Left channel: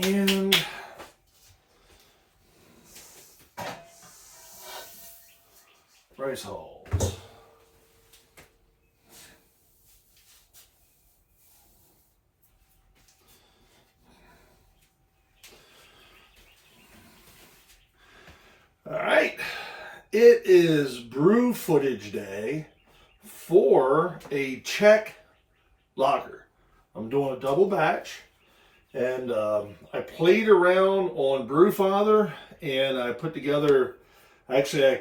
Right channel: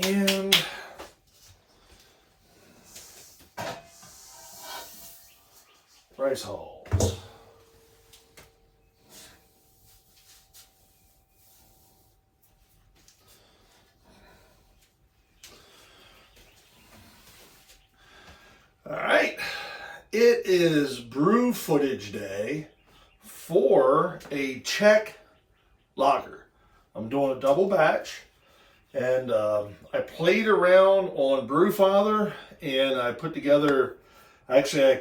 And rice hulls. All right, it is brew footage day for a Czech lager. I'm doing a double batch, and I played around on Brewfather, and I put together, actually I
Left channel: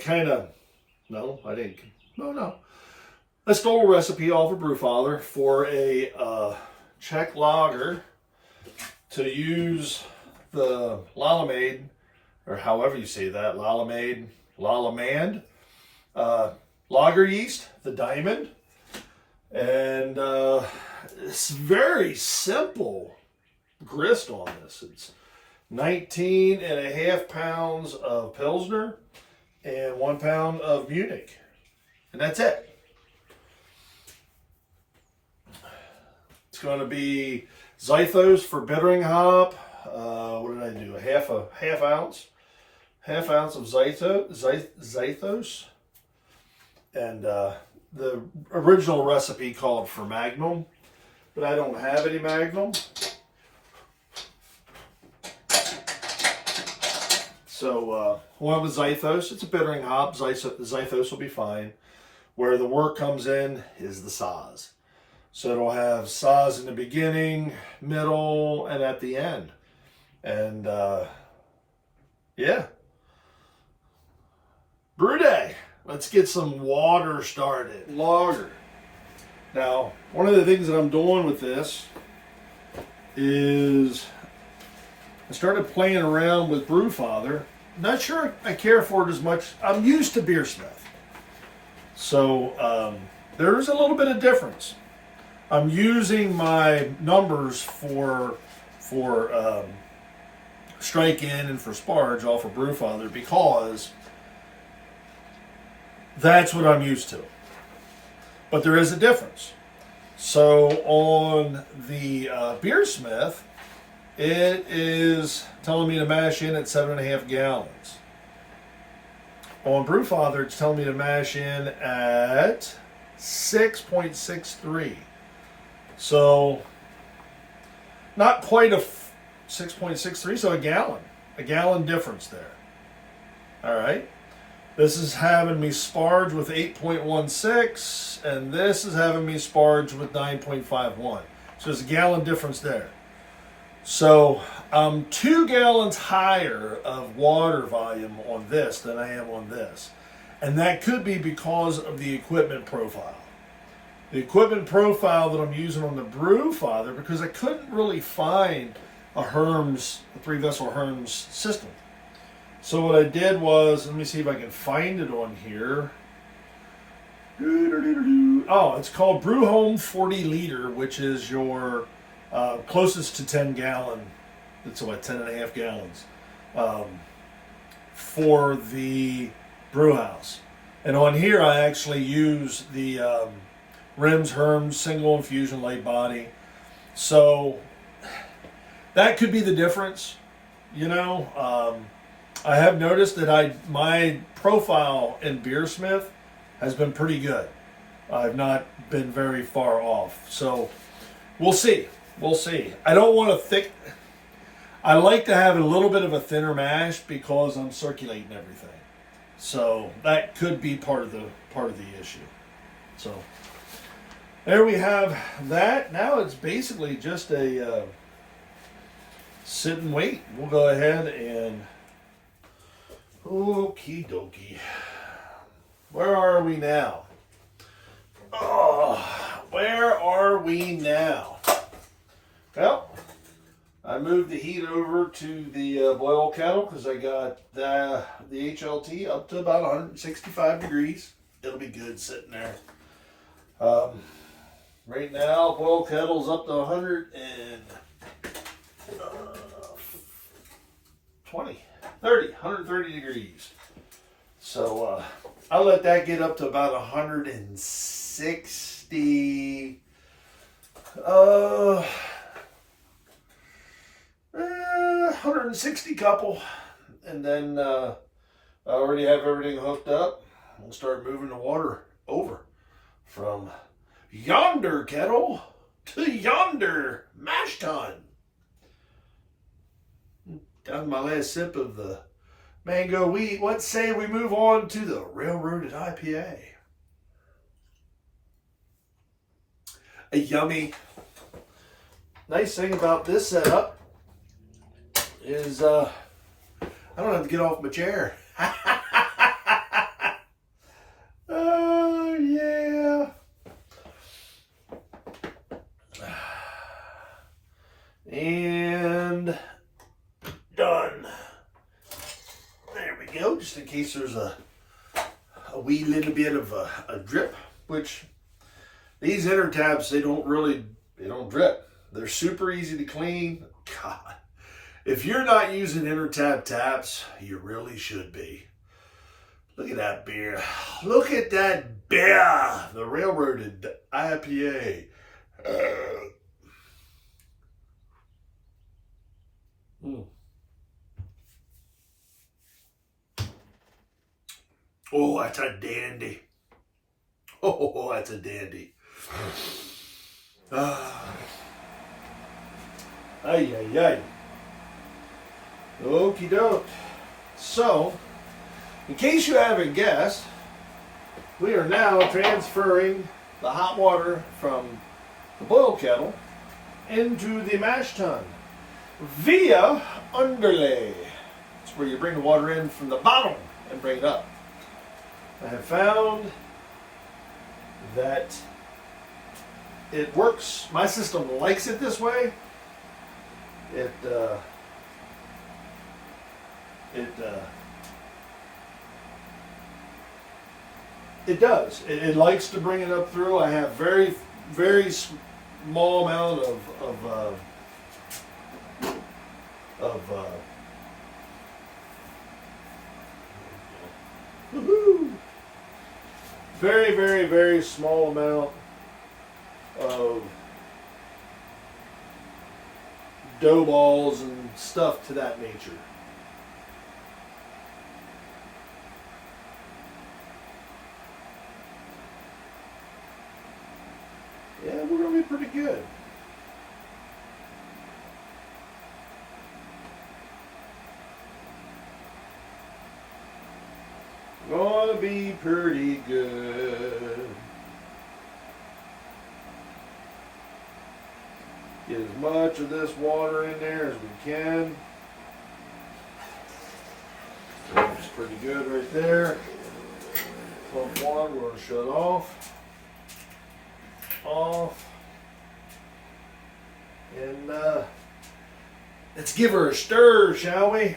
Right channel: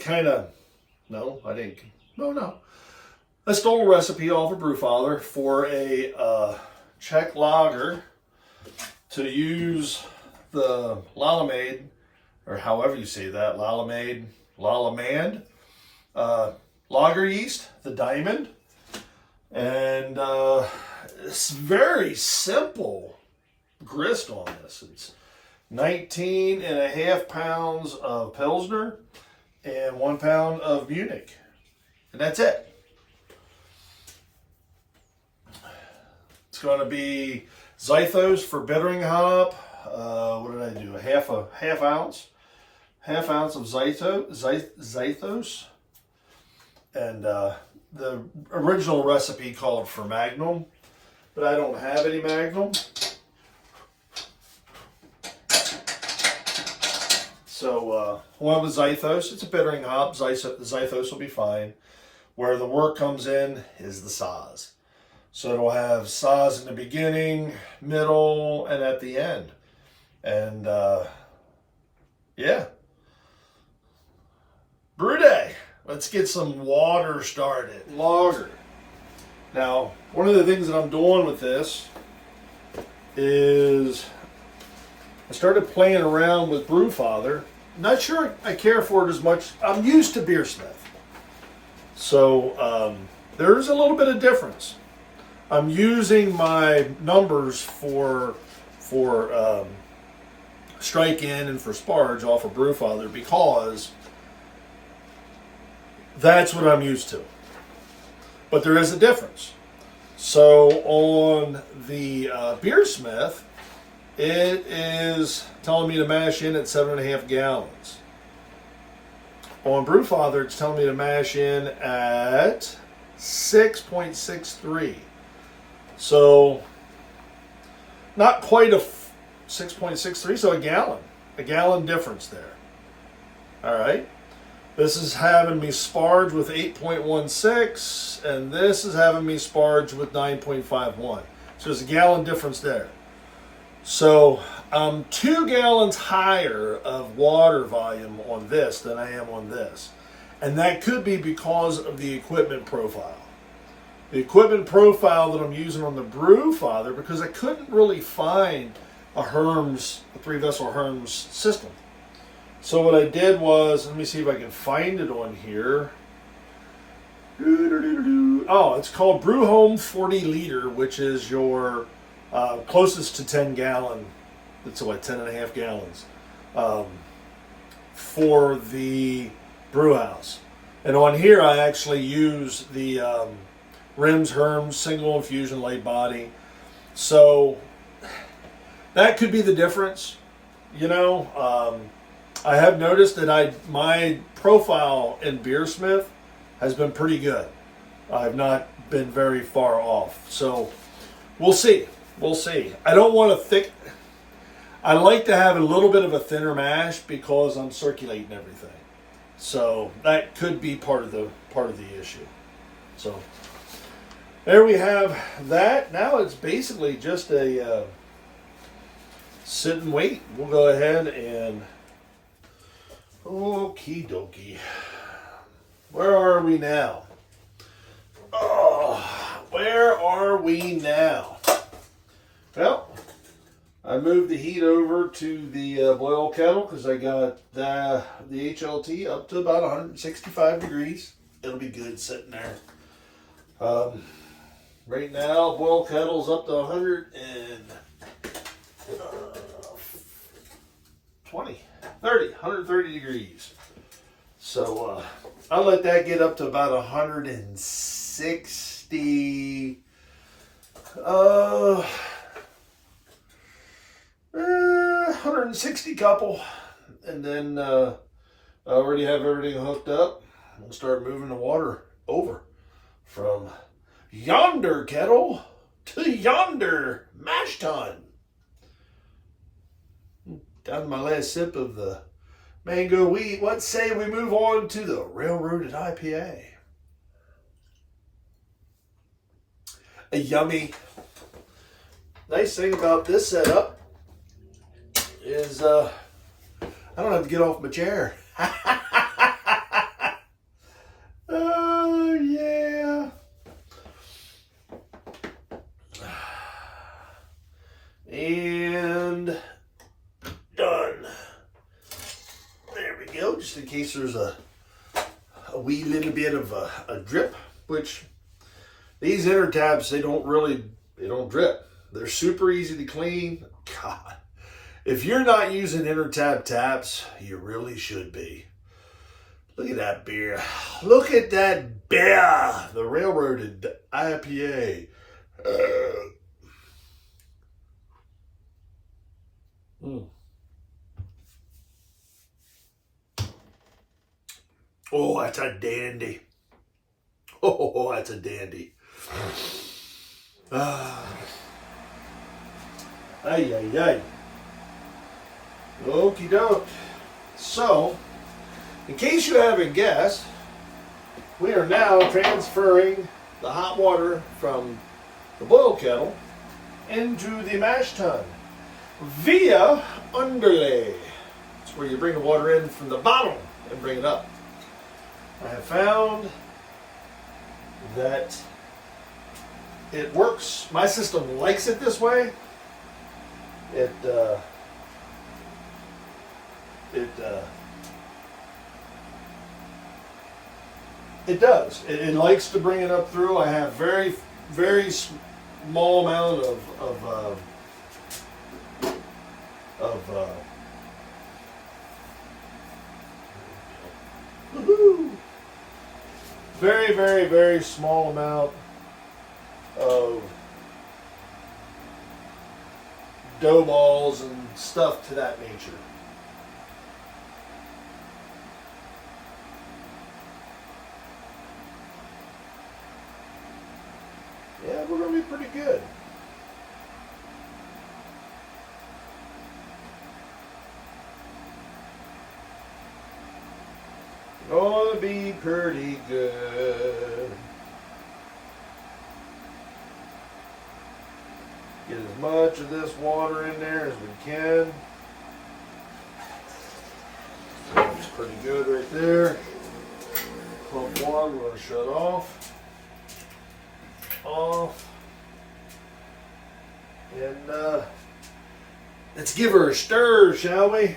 stole a recipe off of Brewfather for a Czech lager to use the Lalamade, or however you say that, Lalamade, lager yeast, the Diamond. And it's very simple grist on this. It's 19.5 pounds of Pilsner and 1 pound of Munich. And that's it. It's going to be Zythos for bittering hop. What did I do? A half ounce of Zythos. And the original recipe called for Magnum, but I don't have any Magnum. So one with Zythos, it's a bittering hop. Zythos will be fine. Where the work comes in is the Saaz. So it'll have Saaz in the beginning, middle, and at the end. And yeah. Brew day. Let's get some water started. Lager. Now, one of the things that I'm doing with this is I started playing around with Brewfather. Not sure I care for it as much. I'm used to Beersmith. So there's a little bit of difference. I'm using my numbers for strike in and for sparge off of Brewfather because that's what I'm used to. But there is a difference. So on the Beersmith, it is telling me to mash in at 7.5 gallons. On Brewfather, it's telling me to mash in at 6.63. So not quite a 6.63, so a gallon difference there. All right. This is having me sparge with 8.16, and this is having me sparge with 9.51. So there's a gallon difference there. So I'm 2 gallons higher of water volume on this than I am on this. And that could be because of the equipment profile. The equipment profile that I'm using on the Brewfather, because I couldn't really find a 3-vessel Herms system. So what I did was, let me see if I can find it on here. Oh, it's called Brew Home 40 liter, which is your closest to 10 gallon. It's what, 10.5 gallons for the brew house. And on here, I actually use the Rims Herms single infusion lay body. So that could be the difference, you know. I have noticed that my profile in Beersmith has been pretty good. I've not been very far off. So we'll see. We'll see. I don't want a thick. I like to have a little bit of a thinner mash because I'm circulating everything. So that could be part of the issue. So there we have that. Now it's basically just a sit and wait. We'll go ahead and okie dokie. Where are we now? Oh, where are we now? Well, I moved the heat over to the boil kettle because I got the HLT up to about 165 degrees. It'll be good sitting there. Right now, boil kettle's up to 130 degrees. So I'll let that get up to about 160. 260 couple, and then I already have everything hooked up. We'll start moving the water over from yonder kettle to yonder mash tun. Got my last sip of the mango wheat. What say we move on to the railroaded IPA? A yummy. Nice thing about this setup is I don't have to get off my chair. Oh yeah. And done. There we go. Just in case there's a wee little bit of a drip, which these inner tabs, they don't drip. They're super easy to clean. God, if you're not using inner tab taps, you really should be. Look at that beer. Look at that beer. The railroaded IPA. Oh, that's a dandy. Oh, that's a dandy. Ay, ay, ay. Okie doke. So, in case you haven't guessed, we are now transferring the hot water from the boil kettle into the mash tun via underlay. It's where you bring the water in from the bottom and bring it up. I have found that it works. My system likes it this way. It does. It likes to bring it up through. I have very, very small amount woohoo! Very, very, very small amount of dough balls and stuff to that nature. Yeah, we're going to be pretty good. Gonna be pretty good. Get as much of this water in there as we can. That's pretty good right there. Pump one, we're gonna shut off. And let's give her a stir, shall we?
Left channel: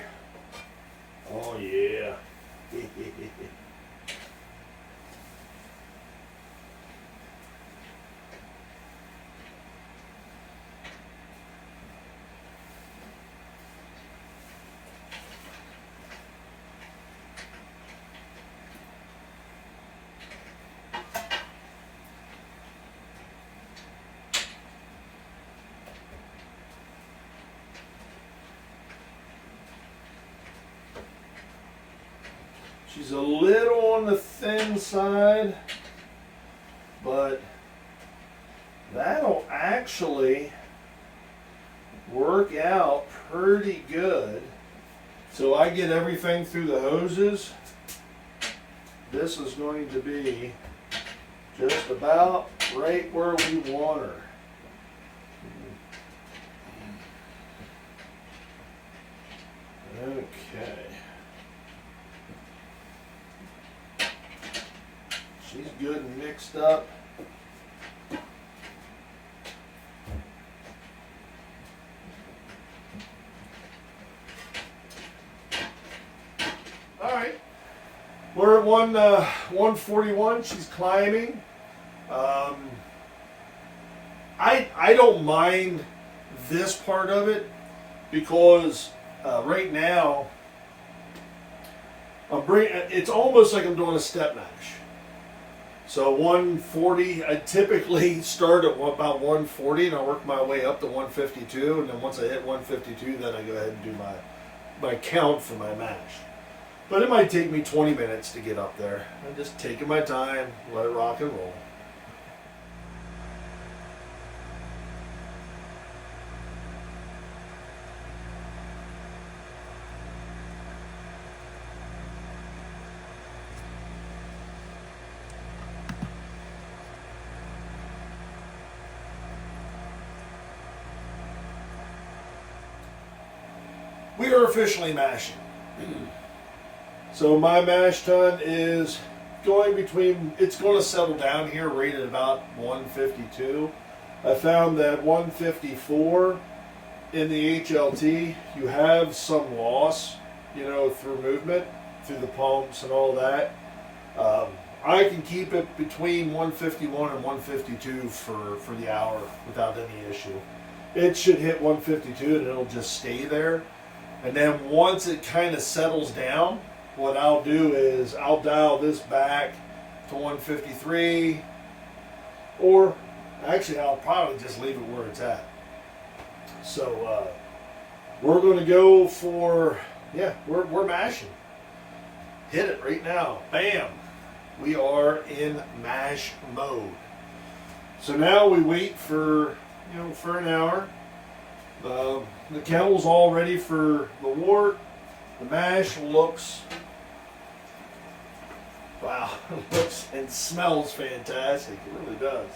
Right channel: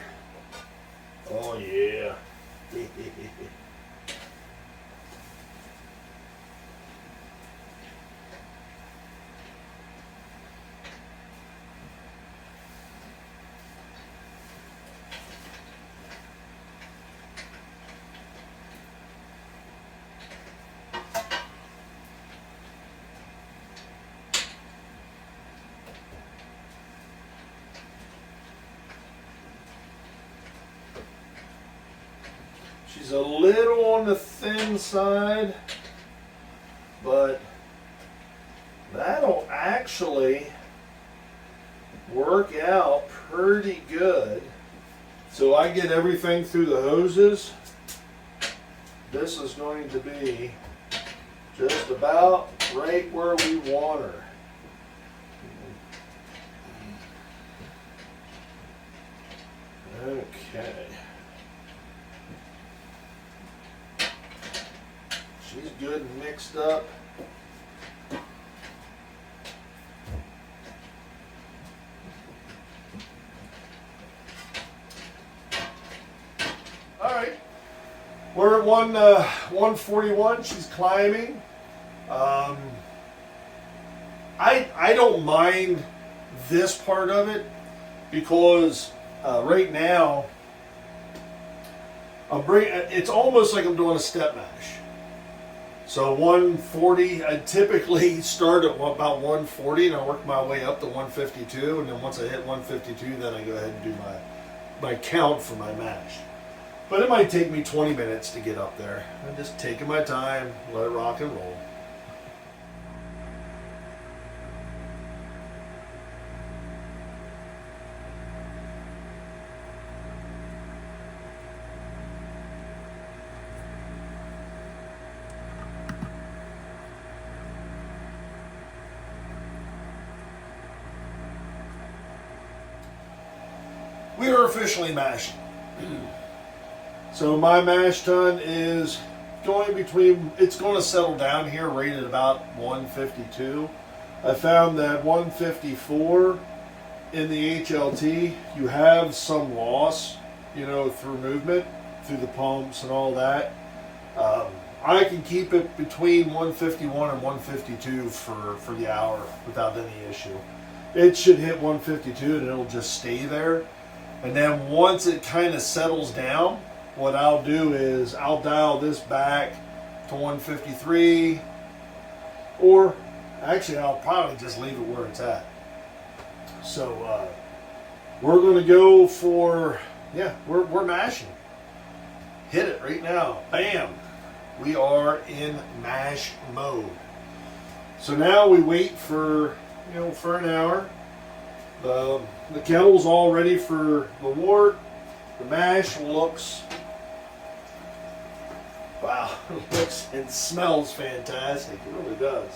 Oh yeah. She's a little on the thin side, but that'll actually work out pretty good. So I get everything through the hoses. This is going to be just about right where we want her. Okay. She's good and mixed up. All right, we're at 141. She's climbing. I don't mind this part of it because right now it's almost like I'm doing a step mash. So 140, I typically start at about 140 and I work my way up to 152. And then once I hit 152, then I go ahead and do my count for my mash. But it might take me 20 minutes to get up there. I'm just taking my time, let it rock and roll. We are officially mashing. So my mash tun is going between, it's going to settle down here right at about 152. I found that 154 in the HLT, you have some loss, you know, through movement, through the pumps and all that. I can keep it between 151 and 152 for the hour without any issue. It should hit 152 and it'll just stay there. And then once it kind of settles down, what I'll do is I'll dial this back to 153, or actually I'll probably just leave it where it's at. So we're going to go for, yeah, we're mashing. Hit it right now. Bam. We are in mash mode. So now we wait for, you know, for an hour. The kettle's all ready for the wort. The mash looks, wow, it looks and smells fantastic. It really does.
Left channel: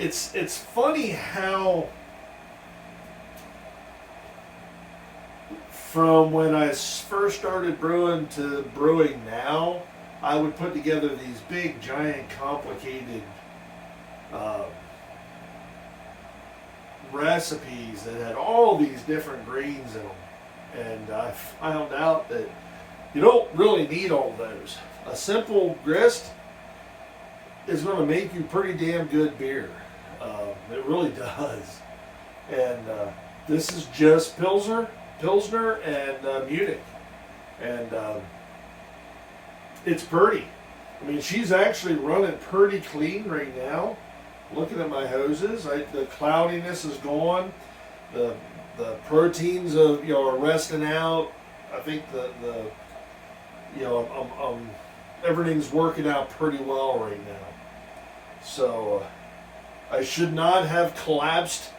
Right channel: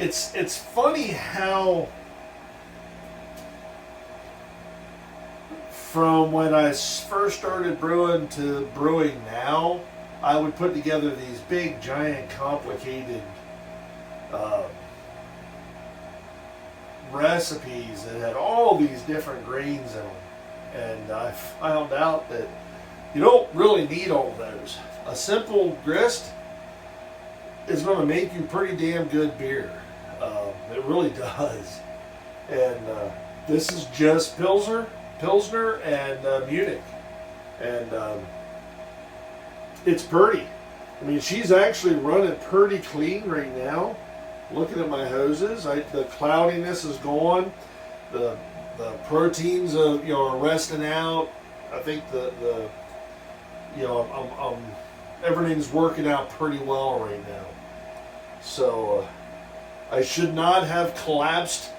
It's funny how from when I first started brewing to brewing now, I would put together these big, giant, complicated recipes that had all these different grains in them. And I found out that you don't really need all those. A simple grist is going to make you pretty damn good beer. It really does. And this is just Pilsner and Munich. And it's pretty. I mean, she's actually running pretty clean right now. Looking at my hoses, the cloudiness is gone. The proteins are resting out. I think everything's working out pretty well right now. So I should not have collapsed.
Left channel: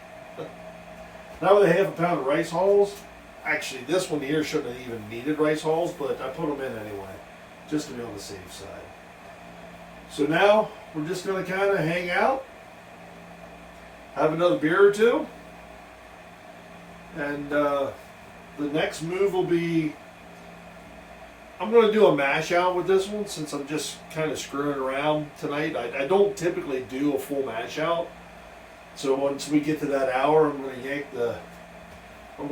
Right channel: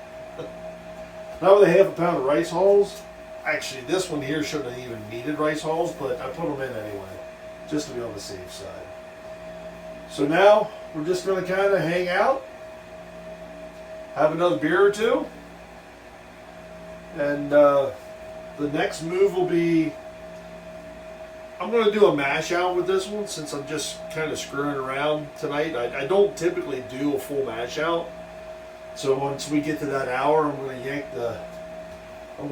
Now with a half a pound of rice hulls, actually this one here shouldn't have even needed rice hulls, but I put them in anyway, just to be on the safe side. So now we're just going to kind of hang out, have another beer or two, and the next move will be, I'm going to do a mash out with this one since I'm just kind of screwing around tonight. I don't typically do a full mash out. So once we get to that hour, I'm going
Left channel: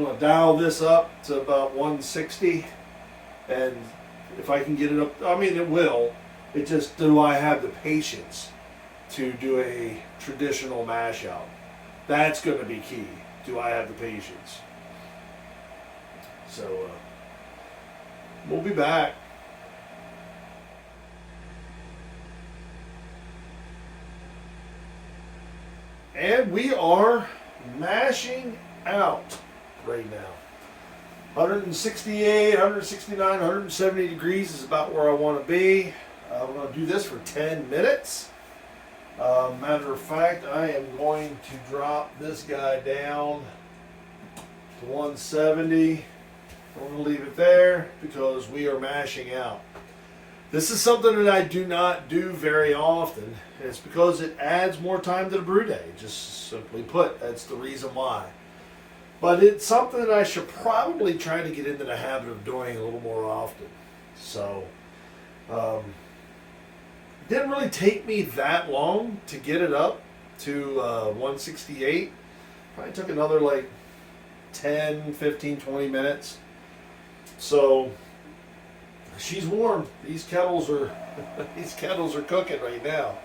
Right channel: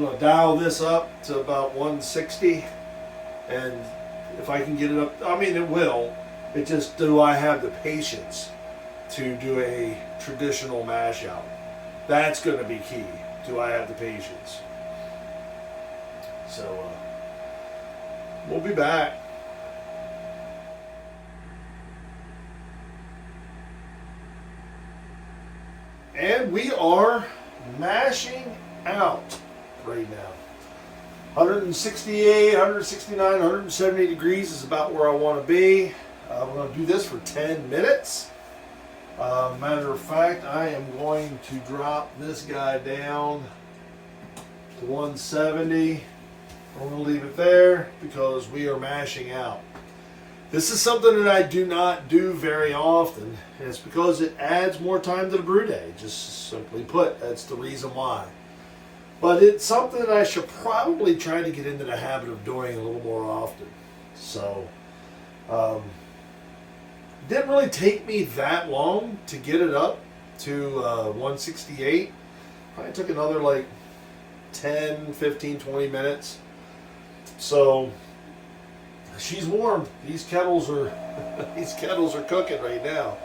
to dial this up to about 160. And if I can get it up, I mean it will. It just, do I have the patience to do a traditional mash out? That's going to be key. Do I have the patience? So we'll be back. And we are mashing out right now. 168, 169, 170 degrees is about where I want to be. We're going to do this for 10 minutes. Matter of fact, I am going to drop this guy down to 170. We're going to leave it there because we are mashing out. This is something that I do not do very often. And it's because it adds more time to the brew day. Just simply put, that's the reason why. But it's something that I should probably try to get into the habit of doing a little more often. So, it didn't really take me that long to get it up to 168. Probably took another like 10, 15, 20 minutes. So she's warm. These kettles are cooking right now.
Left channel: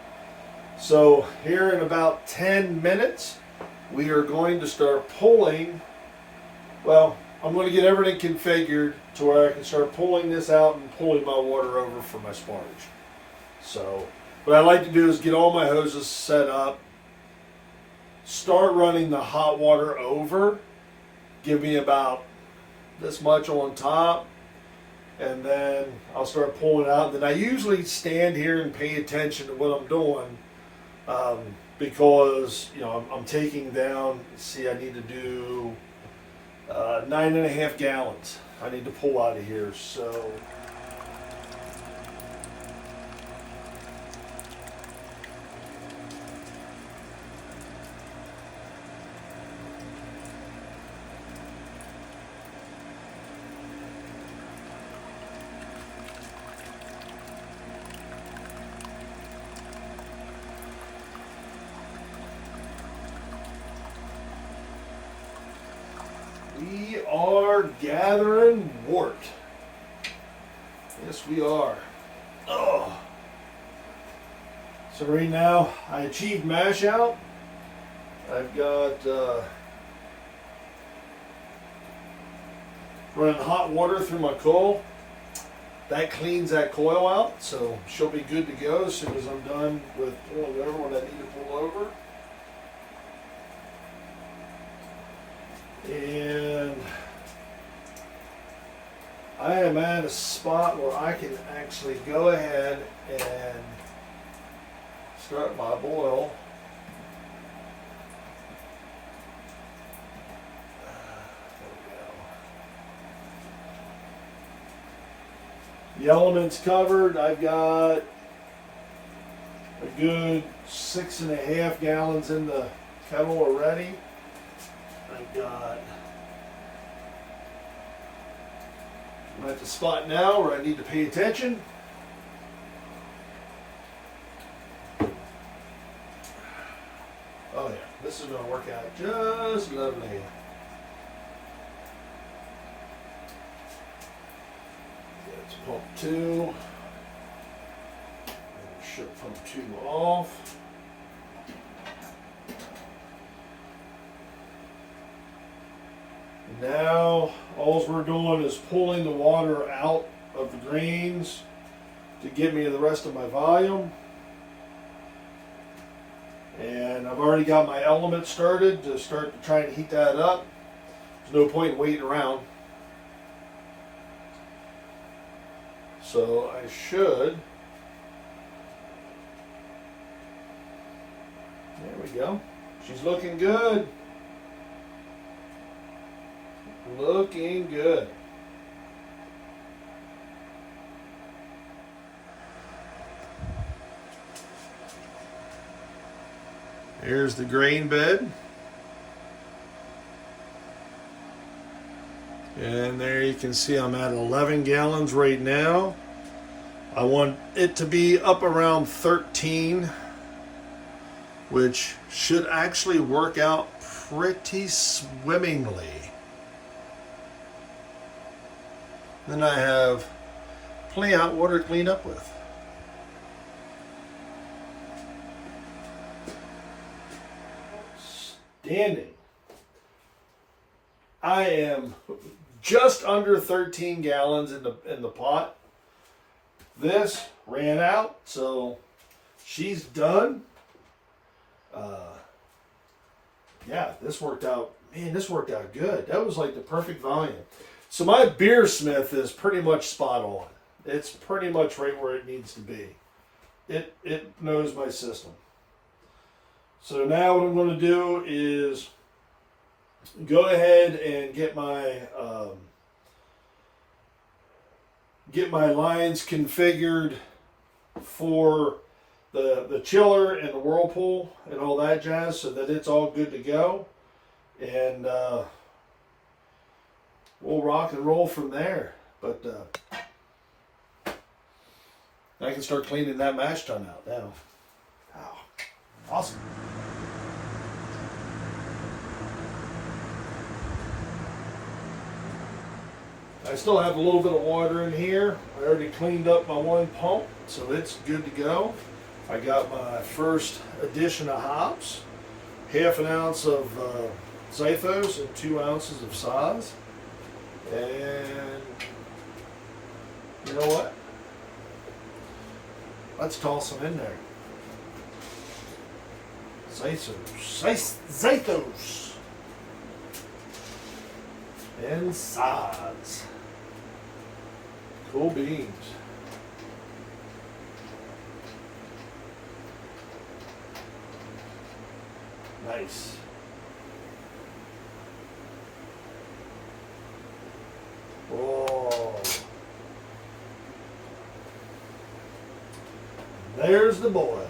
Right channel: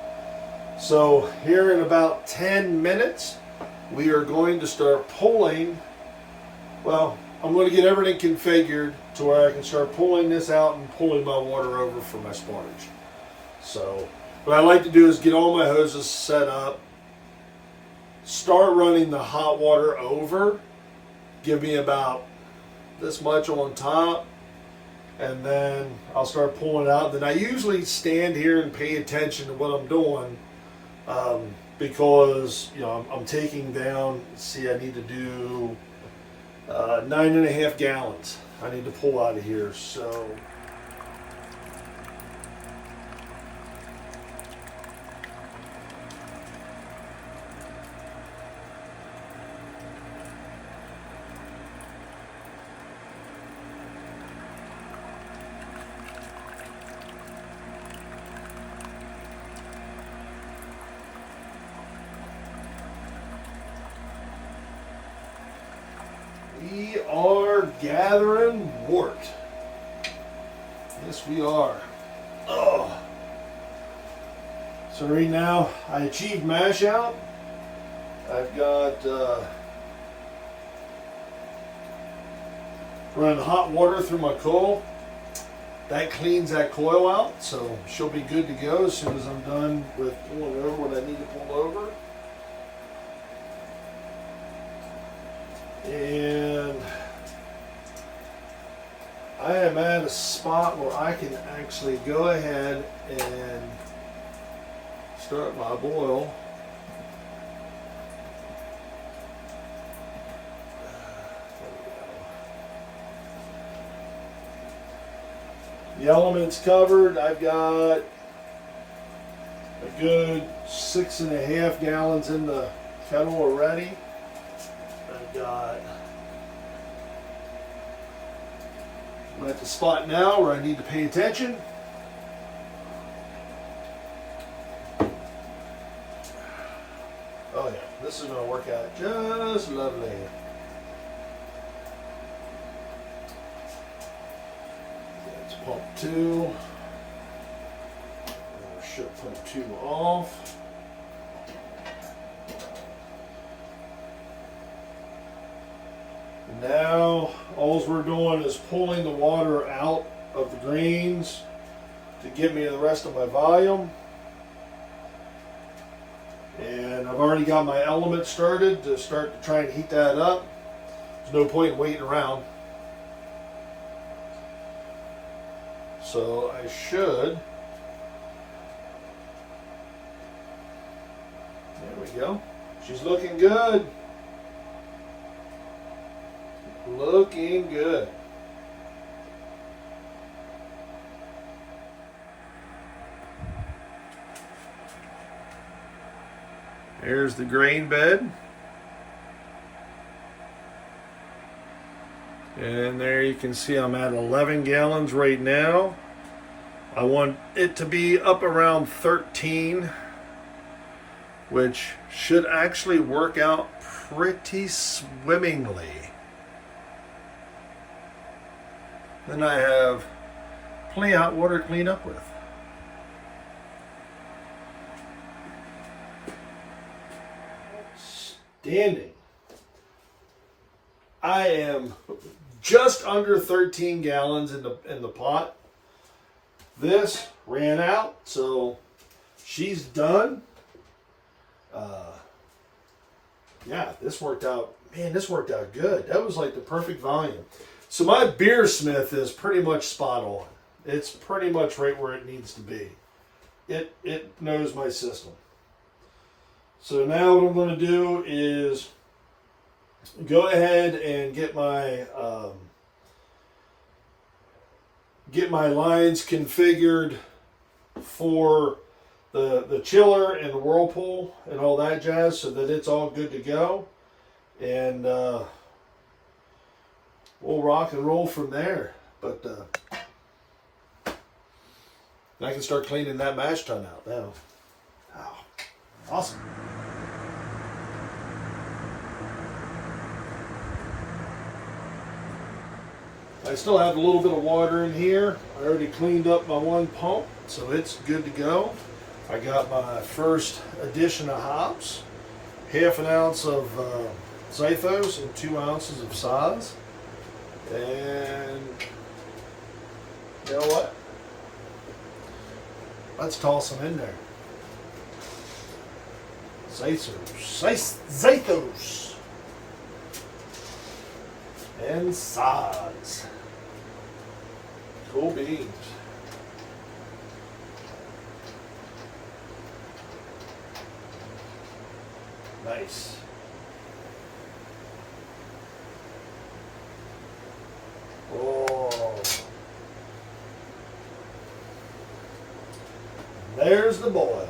So here in about 10 minutes, we are going to start pulling. Well, I'm going to get everything configured to where I can start pulling this out and pulling my water over for my sparge. So, what I like to do is get all my hoses set up, start running the hot water over, give me about this much on top, and then I'll start pulling it out. Then I usually stand here and pay attention to what I'm doing, because I'm taking down. See, I need to do 9.5 gallons. I need to pull out of here. So we are gathering wort. Yes, we are. Oh. So right now, I achieved mash out. I've got running hot water through my coil. That cleans that coil out, so she'll be good to go as soon as I'm done with pulling over when I need to pull over. And I am at a spot where I can actually go ahead and start my boil. The element's covered. I've got a good 6.5 gallons in the kettle already. I'm at the spot now where I need to pay attention. Oh yeah, this is going to work out just lovely. That's pump 2. Shut pump 2 off. Now, all we're doing is pulling the water out of the greens to get me the rest of my volume. And I've already got my element started to try and heat that up. There's no point in waiting around. So I should. There we go. She's looking good. Looking good. Here's the grain bed. And there you can see I'm at 11 gallons right now. I want it to be up around 13, which should actually work out pretty swimmingly. Then I have plenty of hot water to clean up with. Standing. I am just under 13 gallons in the pot. This ran out, so she's done. Yeah, this worked out. Man, this worked out good. That was like the perfect volume. So my beer smith is pretty much spot on. It's pretty much right where it needs to be. It knows my system. So now what I'm going to do is go ahead and get my lines configured for the chiller and the whirlpool and all that jazz, so that it's all good to go. And we'll rock and roll from there. But I can start cleaning that mash tun out now. Oh, awesome. I still have a little bit of water in here. I already cleaned up my one pump, so it's good to go. I got my first addition of hops, 1/2 ounce of Zythos and 2 ounces of Saz. And you know what? Let's toss them in there. Zythos. And sods. Cool beans. Nice. Whoa. There's the boil.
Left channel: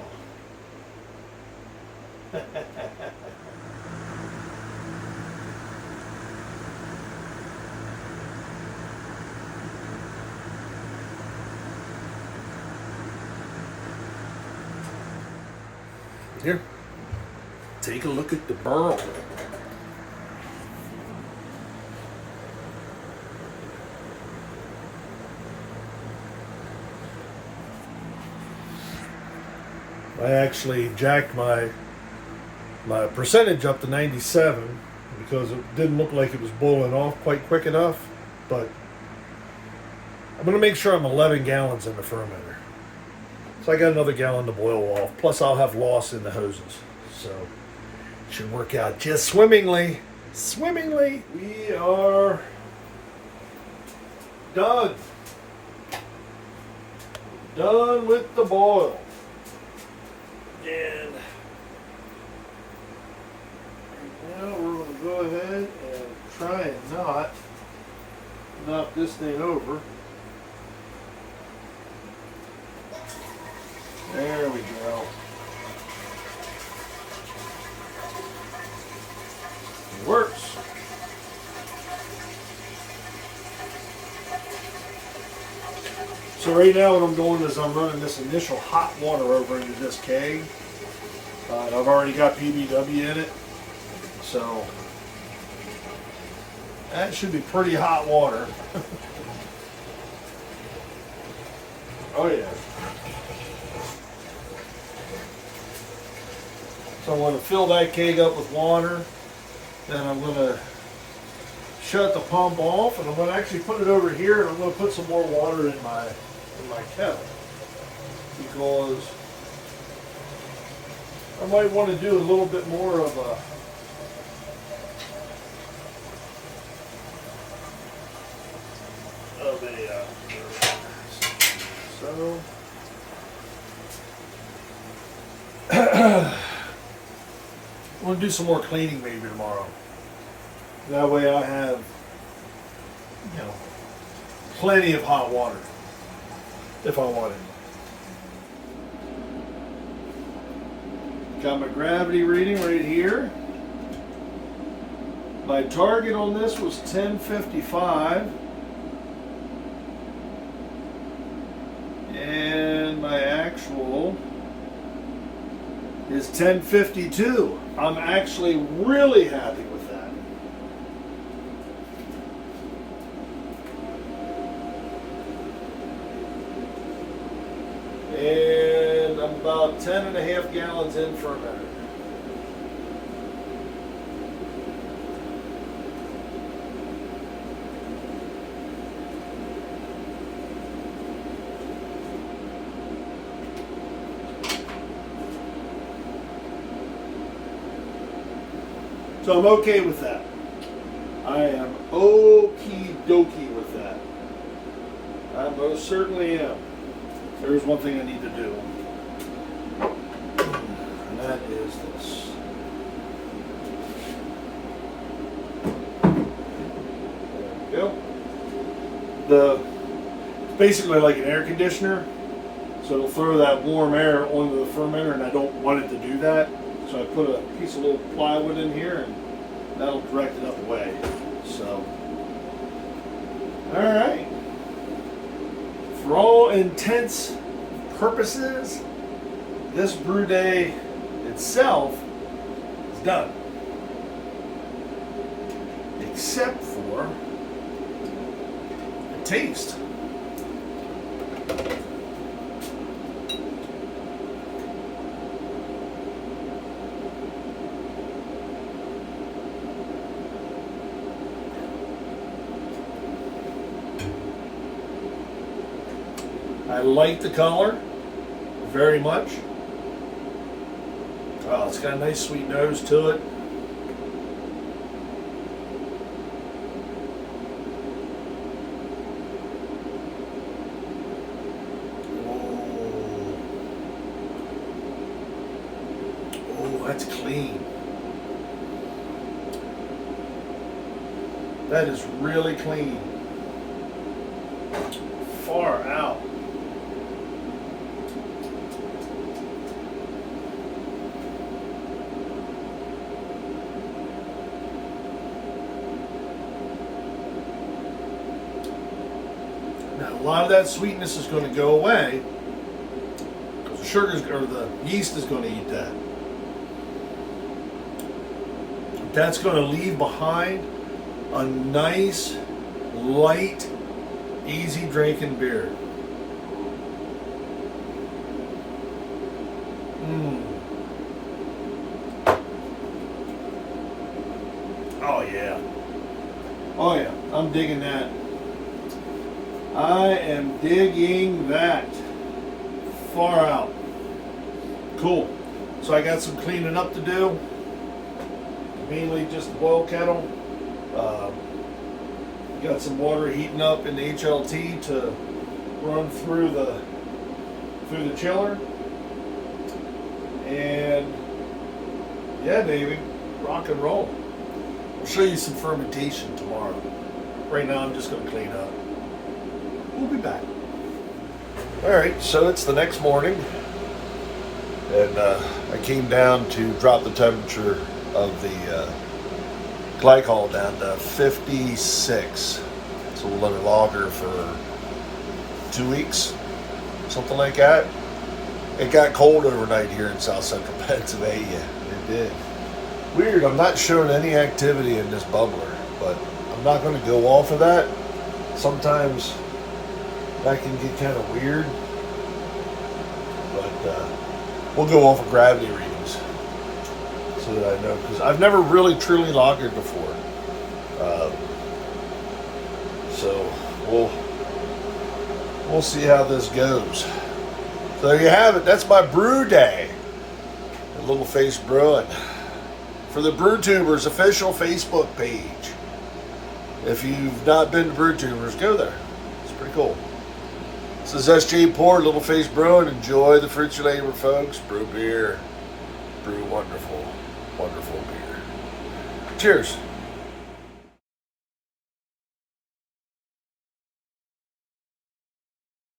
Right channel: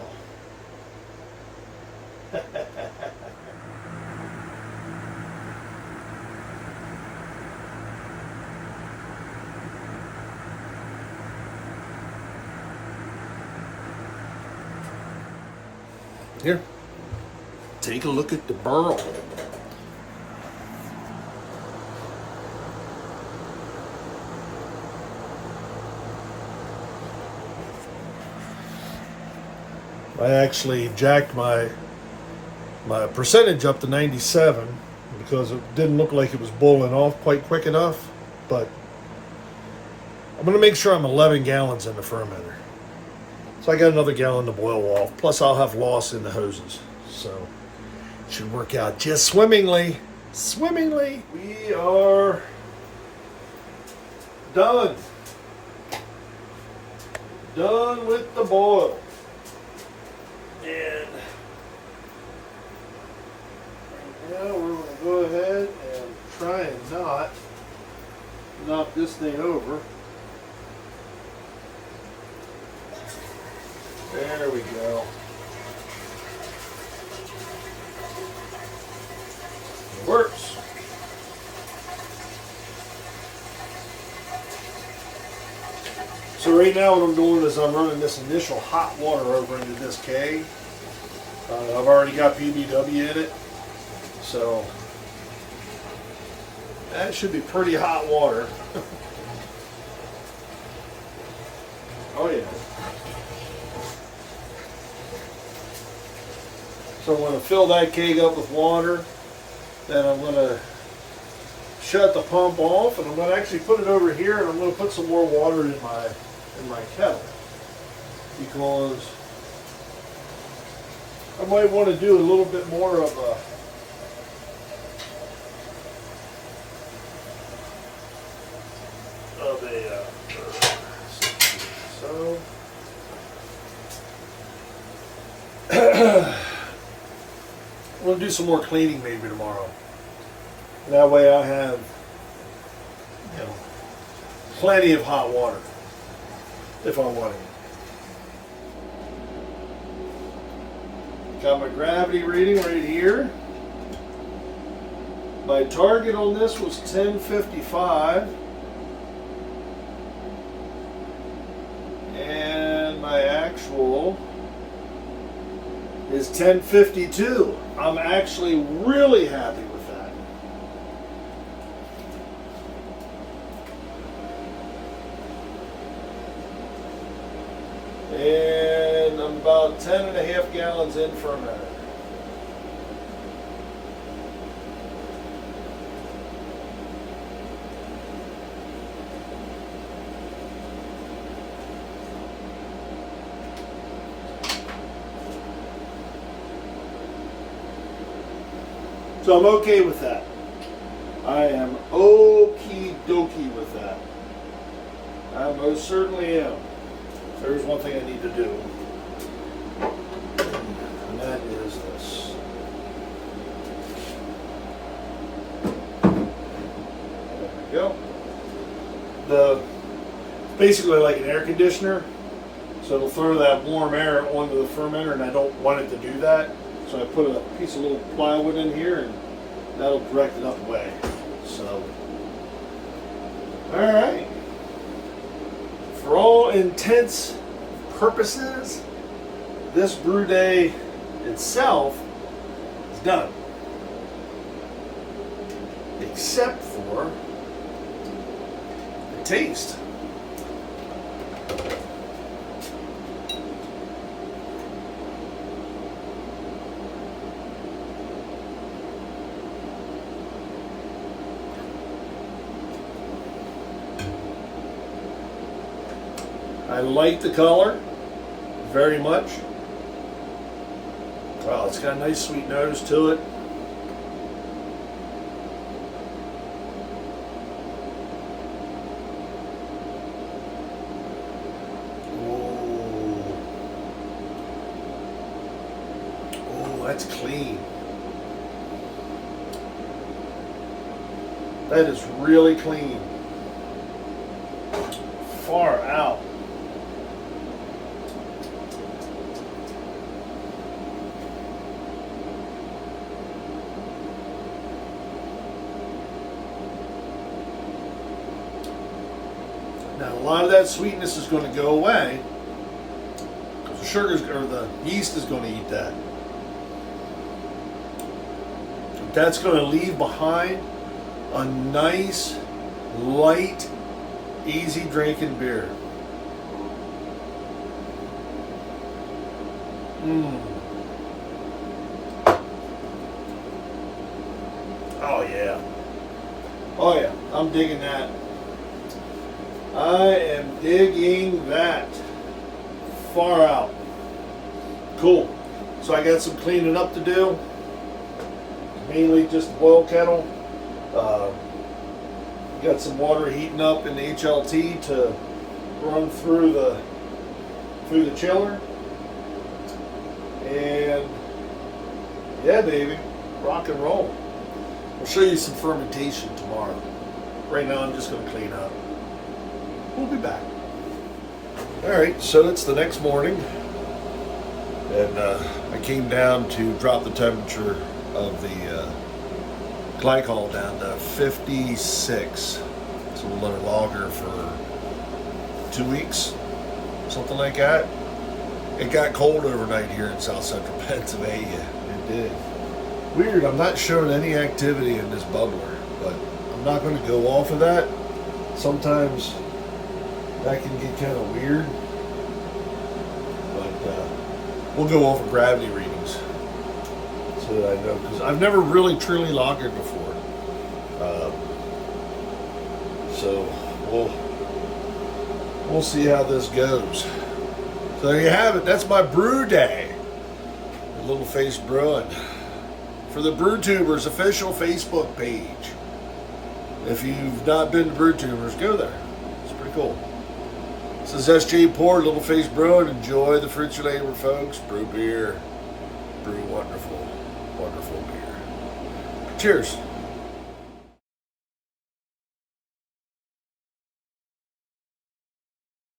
Here, take a look at the burl. I actually jacked my percentage up to 97 because it didn't look like it was boiling off quite quick enough, but I'm going to make sure I'm 11 gallons in the fermenter. So I got another gallon to boil off, plus I'll have loss in the hoses. So it should work out just swimmingly. Swimmingly. We are done. Done with the boil. And right now we're going to go ahead and try and not knock this thing over. There we go. It works. So right now what I'm doing is I'm running this initial hot water over into this keg. I've already got PBW in it, so that should be pretty hot water. Oh yeah. So I'm going to fill that keg up with water, then I'm going to shut the pump off, and I'm going to actually put it over here, and I'm going to put some more water in my kettle, because I might want to do a little bit more of a so I'm going to do some more cleaning maybe tomorrow. That way I have, plenty of hot water if I want it. Got my gravity reading right here. My target on this was 1055. And my actual is 1052. I'm actually really happy with that. And I'm about 10.5 gallons in for a minute. So I'm okay with that. I am okie dokie with that. I most certainly am. There's one thing I need to do. And that is this. There we go. Basically like an air conditioner. So it'll throw that warm air onto the fermenter, and I don't want it to do that. So I put a piece of little plywood in here, and that'll direct it up away. So, all right. For all intents and purposes, this brew day itself is done. Except for the taste. I like the color very much. Well, it's got a nice sweet nose to it. Oh, that's clean. That is really clean. Far out. Now, a lot of that sweetness is going to go away because the sugars or the yeast is going to eat that. That's going to leave behind a nice, light, easy drinking beer. Oh yeah. Oh yeah. I'm digging that. I am digging that. Far out. Cool. So I got some cleaning up to do. Mainly just the boil kettle. Got some water heating up in the HLT to run through the chiller. And yeah, baby, rock and roll. I'll show you some fermentation tomorrow. Right now I'm just going to clean up. We'll be back. Alright, so it's the next morning, and I came down to drop the temperature of the glycol down to 56. So we'll let it lager for 2 weeks, something like that. It got cold overnight here in South Central Pennsylvania. It did. Weird, I'm not showing any activity in this bubbler, but I'm not going to go off of that. Sometimes that can get kind of weird, but we'll go off of gravity readings so that I know, because I've never really truly lagered before. So we'll see how this goes. So there you have it. That's my brew day at Little Face Brewing for the Brewtubers official Facebook page. If you've not been to Brewtubers, go there. It's pretty cool. This is SJ Port, Little Face Brewing. Enjoy the fruits of your labor, folks. Brew beer. Brew wonderful, wonderful beer. Cheers.